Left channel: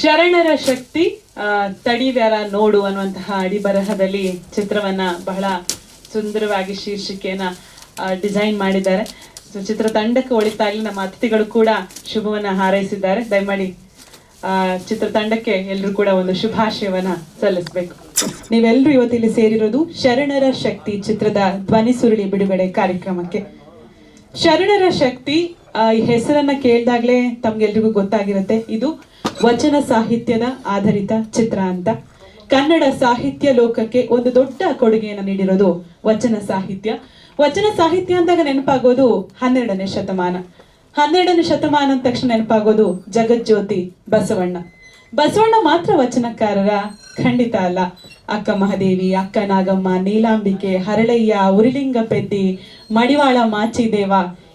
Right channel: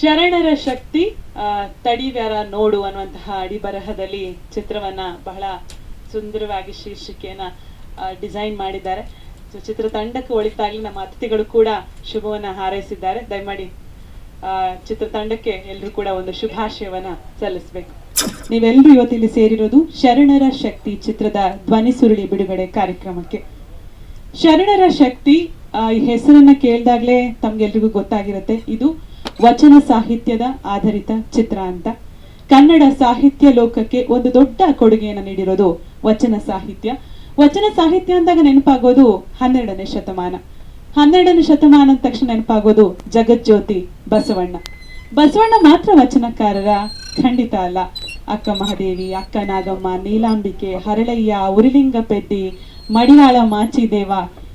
ಶರಣರ ಶಕ್ತಿ ತಡಿವ್ಯಾರ ನೋಡು ಅನ್ನುವಂತಹ ಅಡಿಬರಹದಲ್ಲಿ ಚಿತ್ರವನ್ನ ಬಹಳ ಸುಂದರವಾಗಿ ಶೀರ್ಷಿಕೆಯನ್ನ ಡಿಸೈನ್ ಮಾಡಿದ್ದಾರೆ. ಸೊ ಚಿತ್ರತಂಡಕ್ಕೆ ಒಳಿತಾಗಲಿ ನಮ್ಮ ಅತಿಥಿಗಳು ಕೂಡ ಶುಭವನ್ನ ಹಾರೈಸಿದ್ದಾರೆ. ದಯಮಾಡಿ ಆ, ಚಿತ್ರತಂಡಕ್ಕೆ ಎಲ್ಲರೂ ಕೂಡ ಒಂದು ಶುಭಾಶಯವನ್ನ ಸಲ್ಲಿಸಬೇಕು. ನೀವೆಲ್ಲರೂ ಇವತ್ತಿಲ್ಲಿ ಸೇರಿರೋದು ಶರಣರ ಶಕ್ತಿ ಚಿತ್ರದ ಧ್ವನಿ ಸುರುಳಿ ಬಿಡುಗಡೆ ಕಾರ್ಯಕ್ರಮಕ್ಕೆ. ಶರಣರ ಶಕ್ತಿ ಈ ಹೆಸರನ್ನ ಕೇಳಿದಾಗ್ಲೇ ತಮ್ಗೆಲ್ರಿಗೂ ಗೊತ್ತಾಗಿರುತ್ತೆ. ಇದು ವಚನ ಸಾಹಿತ್ಯದ ಆಧಾರಿತ ಚಿತ್ರ ಅಂತ. ಕನ್ನಡ ಸಾಹಿತ್ಯ ಲೋಕಕ್ಕೆ ಒಂದು ದೊಡ್ಡ ಕೊಡುಗೆಯನ್ನು ನೀಡಿರೋದು ವಚನ ಸಾಹಿತ್ಯ. ವಚನ ಸಾಹಿತ್ಯ ಅಂದಾಗ ನೆನಪಾಗೋದು ಹನ್ನೆರಡನೇ ಶತಮಾನ. ಹನ್ನೆರಡನೇ ಶತಮಾನ ಅಂದ ತಕ್ಷಣ ನೆನಪಾಗೋದು ಜಗಜ್ಯೋತಿ ಬಸವಣ್ಣ. ಬಸವಣ್ಣ ಮಾತ್ರ ವಚನಕಾರರ ಖಂಡಿತ ಅಲ್ಲ. ಅಕ್ಕ ಮಹಾದೇವಿ, ಅಕ್ಕ ನಾಗಮ್ಮ, ನೀಲಾಂಬಿಕೆ, ಹರಳಯ್ಯ ಉರಿಲಿಂಗ ಪೆದ್ದಿ ಮಡಿವಾಳ ಮಾಚಿದೇವ,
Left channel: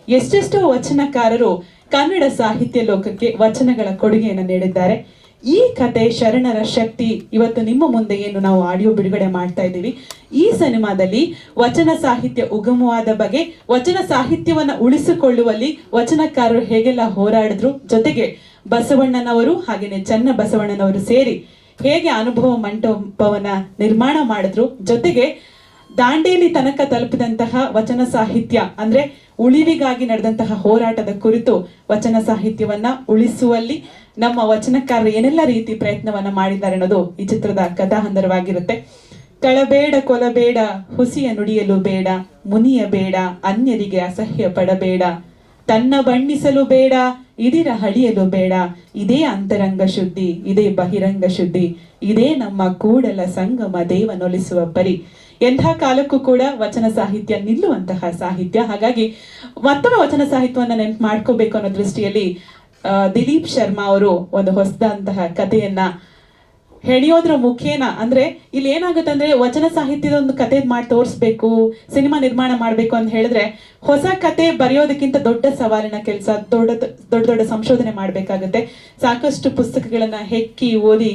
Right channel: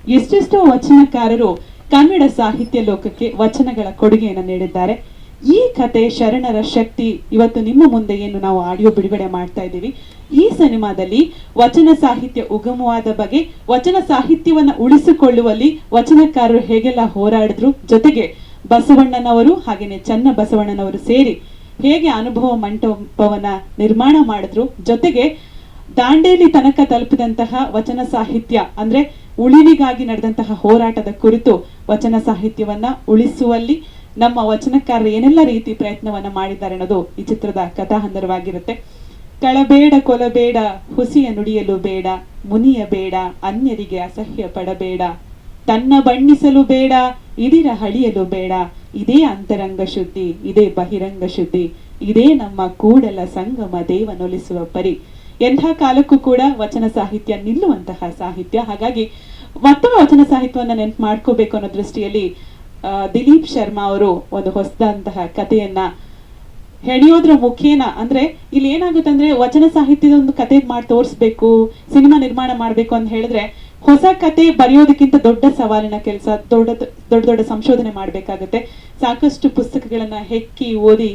ಎಷ್ಟೆಷ್ಟೋ ವಚನಕಾರರು ಕನ್ನಡ ಸಾಹಿತ್ಯ ಲೋಕಕ್ಕೆ ವಚನಗಳ ಕೊಡುಗೆಯನ್ನು ನೀಡಿದ್ದಾರೆ. ಈ ಕತೆ ಶರಣರ ಶಕ್ತಿ. ಇವತ್ತು ನಿಮ್ಮ ಮುಂದೆ ಏನು ನಾವು ಆಡಿಯೋ ಬಿಡುಗಡೆ ಮಾಡ್ತಾ ಇದ್ದೀವಿ. ಈ ಸಿನಿಮಾದಲ್ಲಿ ವಚನ ಸಾಹಿತ್ಯ ಉಗಮವಾದ ಬಗ್ಗೆ, ವಚನ ಸಾಹಿತ್ಯವನ್ನ ಉಳಿಸಿಕೊಳ್ಳುವಲ್ಲಿ ವಚನಕಾರರು ಹೇಗೆಲ್ಲ ಹೋರಾಡಿದ್ರು, ಜೊತೆಗೆ ಬಸವಣ್ಣನವರು ಹಾಗೇನೆ ಚನ್ನ ಬಸವಣ್ಣನವರು ಸೇರಿ ಹೇಗೆ ಅನುಭವ ಮಂಟಪವನ್ನ ನಿರ್ಮಾಣ ಮಾಡಿದ್ರು, ಜೊತೆಗೆ ದಾಂಡೇಲಿ ತನಕ ತಲುಪಿದಂತಹ ವಚನ ಸಾಹಿತ್ಯ ಅಂದ್ರೆ ಉಳಿವಿಗಾಗಿ ನಡೆದಂತಹ ಹೋರಾಟದ ಕುರಿತು ವಚನ ಸಾಹಿತ್ಯವನ್ನ ಉಳಿಸುವಲ್ಲಿ ನಮ್ಮ ವಚನಕಾರರು ಏನೆಲ್ಲ ರೀತಿ ಪ್ರಯತ್ನವನ್ನ ಮಾಡಿದ್ದಾರೆ ಅನ್ನೋದು ಈ ಚಿತ್ರದ ಕಥಾಹಂದರವಾಗಿರುತ್ತೆ. ಕಳಬೇಡ ಕೊಲಬೇಡ, ಹುಸಿಯ ನುಡಿಯಲು ಬೇಡ, ಮುನಿಯ ಬೇಡ, ಅನ್ಯರಿಗೆ ಅಸಹ್ಯ ಪಡಬೇಡ, ತನ್ನ ಬಣ್ಣಿಸಲು ಬೇಡ, ಇದಿರ ಹಳಿಯಲು ಬೇಡ, ಇದೇ ಅಂತರಂಗ ಶುದ್ಧಿ, ಇದೇ ಬಹಿರಂಗ ಶುದ್ಧಿ, ಇದೇ ನಮ್ಮ ಕೂಡಲ ಸಂಗಮ ದೇವನೊಲಿಸುವ ಪರಿ. ಎಂಥ ಕಾಲಕ್ಕೂ ಕೂಡ ವಚನ ಸಾಹಿತ್ಯ ನಿಲ್ಲುವಂತಹ ಸಾಹಿತ್ಯ. ಹಾಗಾಗಿ ಮತ್ತೊಮ್ಮೆ ವಚನ ಸಾಹಿತ್ಯವನ್ನು ನೆನ್ಪು ಮಾಡ್ಕೋಬೇಕು ಅನ್ನೋ ದೃಷ್ಟಿಯಲ್ಲಿ ದಿಲೀಪ್ ಶರ್ಮಾ ಅವರು ಒಂದು ಹೊಸದಂತಹ ಕಥೆಯನ್ನ ಹೆಣಿಯೋದ್ರ ಮುಖೇನ ಅಂದ್ರೆ ಇಲ್ಲಿ ಏನಾಗುತ್ತೆ ಅಂದ್ರೆ ವಚನ ಸಾಹಿತ್ಯದ ಒಂದು ಕತೆ ಮಾಡಿ ತೋರಿಸ್ಬೇಕು, ಸಿನಿಮಾ ನಿರ್ಮಾಣ ಮಾಡ್ಬೇಕು ಅಂತ ಹೇಳಿದ್ರೆ ಹೊಸ ಕತೆ ಬರೆಯೋದಕ್ಕಿಂತ ದೊಡ್ಡ ಸವಾಲಿನ ಕೆಲಸ, ದೊಡ್ಡ ದೊಡ್ಡ ದೊಡ್ಡ ಸಂಶೋಧನೆ ಮಾಡ್ಬೇಕಾಗುತ್ತೆ. ಸಾಕಷ್ಟು ಪುಸ್ತಕಗಳನ್ನ ಹೆಕ್ಕಿ ಓದಿ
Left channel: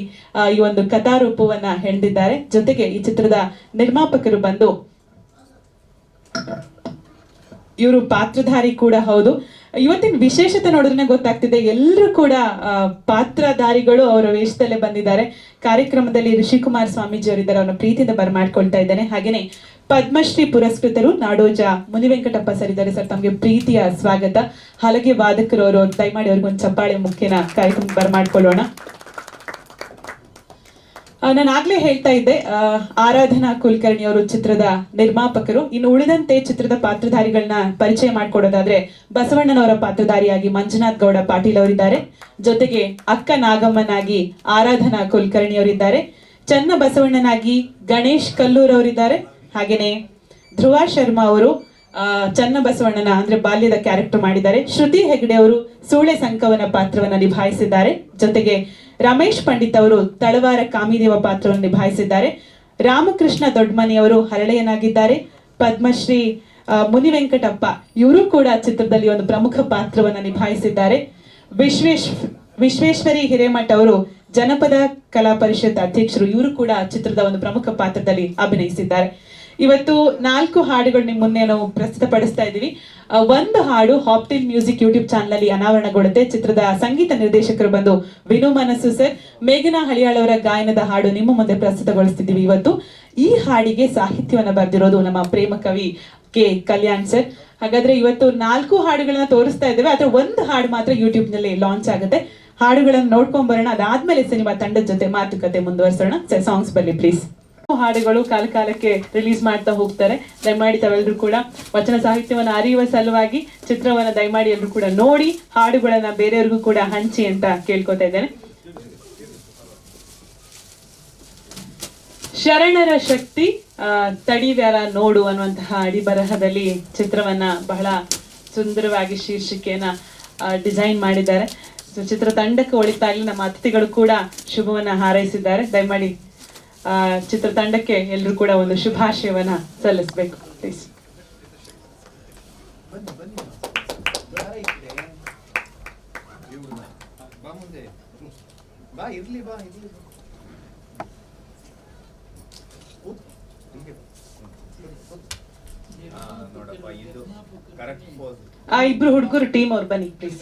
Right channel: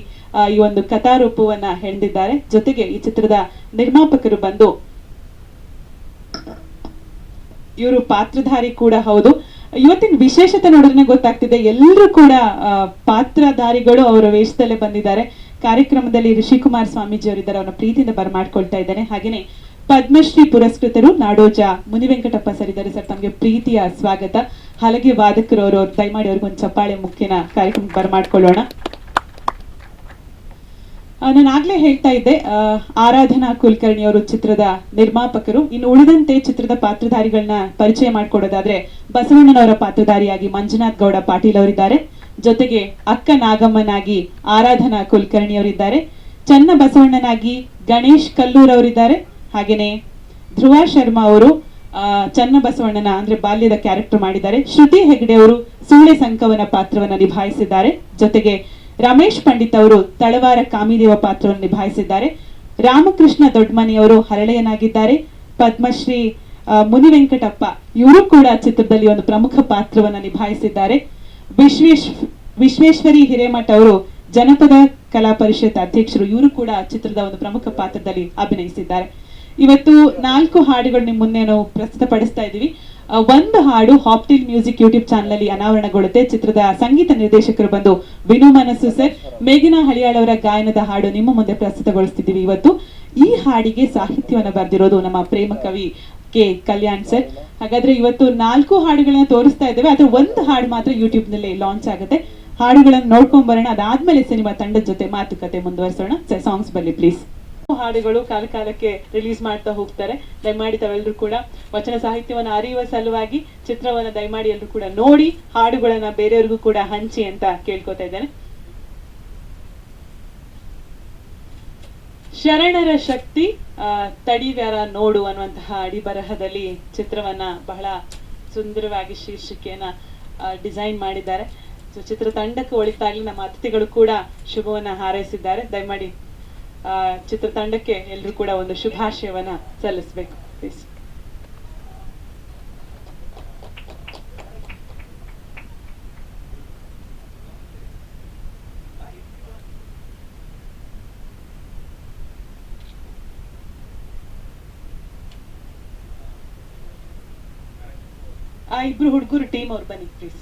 ಈ ಒಂದು ಕಥಾರೂಪವನ್ನ ಹೆಣೆದಿದ್ದಾರೆ. ಜೊತೆಗೆ ಈ ಚಿತ್ರದ ನಿರ್ಮಾಪಕರು ಬಂದು ಇವರು ಪಾತ್ರಧಾರಿ ಕೂಡ ಹೌದು. ಇವತ್ತಿನ ವಿಶೇಷತೆ ನೋಡಿದ್ರೆ ಗೊತ್ತಾಗ್ತಿದೆ, ಎಲ್ಲರೂ ಕೂಡ ಪಾತ್ರಧಾರಿಗಳು ಅವರ ವೇಷದಲ್ಲೇ ಬಂದಿದ್ದಾರೆ. ಕಾರ್ಯಕ್ರಮದಲ್ಲಿ ಋಷಿಕುಮಾರ್ ಸ್ವಾಮೀಜಿ ಅವರಿದ್ದಾರೆ. ಅವರ ಪ್ರೀತಿಯಿಂದ ಬರಮಾಡ್ಕೊಳ್ತಾ ಇದ್ದಾನೆ. ಹಾಗೇನೆ ಪದ್ಮಶ್ರೀ ಪುರಸ್ಕೃತರು ನಾಡೋಜ ಮುನಿವೆಂಕಟಪ್ಪ ಸರ್ ಇದ್ದಾರೆ ಸರ್. ತಮಗೆ ಪ್ರೀತಿಯ ಸ್ವಾಗತ. ಹಲಗೆ ವಾದಕರು ಅವರು ದಯಮಾಡಿ ಅವ್ರಿಗೊಂದು ಚಪ್ಪಾಳೆ ಮುಖ್ಯನ ಕಾರ್ಯಕ್ರಮ ಬರಮಾಡ್ಕೊಳ್ಳೋಣ. ನಾನು ಆಗ್ಲೇ ಹೇಳ್ತಾ ಇದ್ದೆ ಆರಾಧನಾ ಕುಲಕರ್ಣಿ ಅವರು ಚಿತ್ರದ ನಿರ್ಮಾಪಕರು. ಇನ್ನು ಉಳಿದಂತೆ ಚಿತ್ರದ ಪಾತ್ರಧಾರಿಗಳನ್ನ ಪರಿಚಯ ಮಾಡ್ಕೊಡೋದಾದ್ರೆ ಬಸವಣ್ಣನವರ ಪಾತ್ರಧಾರಿಯಾಗಿ ಮಂಜುನಾಥ್ ಗೌಡ ಪಾಟೀಲ್ ಅವರಿದ್ದಾರೆ. ಜೊತೆಗೆ ಅಕ್ಕ ನಾಗಮ್ಮನಾಗಿ ಆರಾಧನಾ ಕುಲಕರ್ಣಿ ಅವರಿದ್ದಾರೆ ಚನ್ನ ಬಸವಣ್ಣನಾಗಿ ಗಣೇಶ್ ಕಲ್ಲೂರ್ ಅವರಿದ್ದಾರೆ. ಹಾಗೇನೆ ಧ್ರುವ ಶರ್ಮಾ ಅವರು ಚನ್ನ ಬಸವಣ್ಣನ ಅಂದ್ರೆ ಬಾಲ್ಯದ ಕ್ಯಾರೆಕ್ಟರ್ ಮಾಡಿದ್ದಾರೆ. ಶ್ರುತಿ ಹೆಗ್ಡೆ ಅವರು ಸೂಳೆ ಸಂಕವನ ಪಾತ್ರವನ್ನ ನಿಭಾಯಿಸಿದ್ದಾರೆ. ಜೊತೆಗೆ ರಮೇಶ್ ಪಂಡಿತ್ ಅವರು ತಳವಾರ ಕಾಮಿದೇವ ಪಾತ್ರವನ್ನು ನಿಭಾಯಿಸಿದ್ದಾರೆ. ರಾಮಕೃಷ್ಣ ದೊಡ್ಮನಿ ಅವರು ಹರಳೆಯನಾಗಿದ್ದಾರೆ. ಪದ್ಮಶ್ರೀ ಮುನಿವೆಂಕಟಪ್ಪ ಮುನಿ ವೆಂಕಟಪ್ಪ ಇವರು ಕೂಡ ಚಿತ್ರದಲ್ಲಿ ಒಂದು ಪ್ರಮುಖ ಪಾತ್ರವನ್ನು ನಿಭಾಯಿಸಿದ್ದಾರೆ. ವಿಶ್ವೇಶ್, ವಿಶ್ವೇಶ್ವರಿ ಹಿರೇಮಠ ಅವರು ಜನಪದ ಕಲಾ ಪರಿಷತ್ ಅಧ್ಯಕ್ಷರು, ಇವರು ಕೂಡ ಚಿತ್ರದ ಒಂದು ಪ್ರಮುಖ ಪಾತ್ರದಲ್ಲಿ ಅಭಿನಯಿಸಿದ್ದಾರೆ. ಇವತ್ತು ನಾಲ್ಕು ಹಾಡುಗಳು ನಿಮ್ಮ ಮುಂದೆ ನಾವು ಪ್ರಸ್ತುತಪಡಿಸ್ತಾ ಇದ್ದೀವಿ. ಒಂದು ಹಾಡು ಹಾಪ್ಟಿಲ್ ಮ್ಯೂಸಿಕ್ ಯೂಟ್ಯೂಬ್ ಚಾನಲ್ ಅಲ್ಲಿ ಅನಾವರಣಗೊಳ್ಳುತ್ತೆ. ಚಿತ್ರದ ಸಂಗೀತ ನಿರ್ದೇಶಕರು ಬಂದು ವಿನು ಮನಸ್ಸು ಸರ್. ಮೇಘನಾ ಹಳಿಯಾಳವರ ಗಾಯನದ ಹಾಡು ನಿಮ್ಮ ಮುಂದೆ ಪ್ರಸ್ತುತಗೊಳಿಸ್ತಿದ್ದೀವಿ ಇವತ್ತು. ಈ ಹಾಡಿಗೆ ಸಾಹಿತ್ಯವನ್ನು ಬರೆದಿರೋದು ನಮ್ಮ ಪ್ರೇಮ ಕವಿ ಕೆ ಕಲ್ಯಾಣ್ ಸರ್. ಹಾಗಾದ್ರೆ ಇವತ್ತು ನಾಲ್ಕು ಹಾಡುಗಳನ್ನ ತೋರಿಸ್ತಾ ಇದ್ದೇವೆ. ಆದ್ರೆ ಒಂದು ಹಾಡು ಮಾತ್ರ ಯೂಟ್ಯೂಬ್ನಲ್ಲಿ ಲಾಂಚ್ ಆಗುತ್ತೆ. ಹಾಡುಗಳನ್ನು ನೋಡ್ಕೊಂಡ್ ಬರೋಣ. ಅದಾದ್ಮೇಲೆ ಸಿನಿಮಾ ತಂಡದ ಜೊತೆ ಮಾತುಕತೆ ಮುಂದುವರಿಸೋಣ. ಸಾಂಗ್ಸ್ ಬನ್ನಿ ಪ್ಲೀಸ್ ಹಾಡುಗಳು ಕಾಲ ಕಾಲಕ್ಕೆ ರಿಲೀಸ್ ಮಾಡ್ತಾ ಹೋಗ್ತಾರೆ. ದಯಮಾಡಿ ತಾವೆಲ್ಲರೂ ಕೂಡ ವಚನ ಸಾಹಿತ್ಯವನ್ನ ಅರಿಯುವ ಸಲುವಾಗಿ ಚಿತ್ರವನ್ನ ದಯಮಾಡಿ ಎಲ್ಲರೂ ಕೂಡ ನೋಡಿ, ಹಾಡುಗಳನ್ನ ಬೇರೆಯವರಿಗೂ ಕೂಡ ಹಂಚಿ ಅಂತ ಕೇಳ್ಕೊತಾ ಇದ್ದಾರೆ ಶರಣರ ಶಕ್ತಿ ತಡಿವ್ಯಾರ ನೋಡು ಅನ್ನುವಂತಹ ಅಡಿಬರಹದಲ್ಲಿ ಚಿತ್ರವನ್ನ ಬಹಳ ಸುಂದರವಾಗಿ ಶೀರ್ಷಿಕೆಯನ್ನ ಡಿಸೈನ್ ಮಾಡಿದ್ದಾರೆ. ಸೊ ಚಿತ್ರತಂಡಕ್ಕೆ ಒಳಿತಾಗಿ ನಮ್ಮ ಅತಿಥಿಗಳು ಕೂಡ ಶುಭವನ್ನ ಹಾರೈಸಿದ್ದಾರೆ. ದಯಮಾಡಿ ಚಿತ್ರತಂಡಕ್ಕೆ ಎಲ್ಲರೂ ಕೂಡ ಒಂದು ಶುಭಾಶಯವನ್ನ ಸಲ್ಲಿಸಬೇಕು. ಪ್ಲೀಸ್ ಆ, ಇಬ್ರು ಹುಡುಗರು ಟೀಮ್ ಅವ್ರು ಬನ್ನಿ ಪ್ಲೀಸ್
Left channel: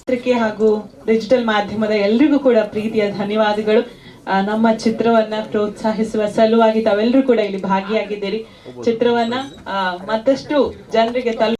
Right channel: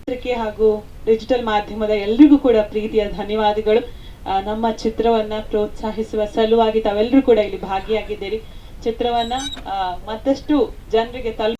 ಪತ್ರಿಕೆ ಹಾಗೂ ಡಿಜಿಟಲ್ ಮಾಧ್ಯಮದ ಎಲ್ರಿಗೂ ಕೂಡ ಪ್ರೀತಿಯ ಧನ್ಯವಾದಗಳು. ನಮ್ಮ ಚಿತ್ರವನ್ನ ಪ್ರೋತ್ಸಾಹಿಸುವ ಸಲುವಾಗಿ ತಾವೆಲ್ಲರೂ ಕೂಡ ಇಲ್ಲಿ ಭಾಗಿಯಾಗಿದ್ದೀರಿ. ಚಿತ್ರವನ್ನ ಮತ್ತಷ್ಟು ಜನರಿಗೆ ತಲುಪ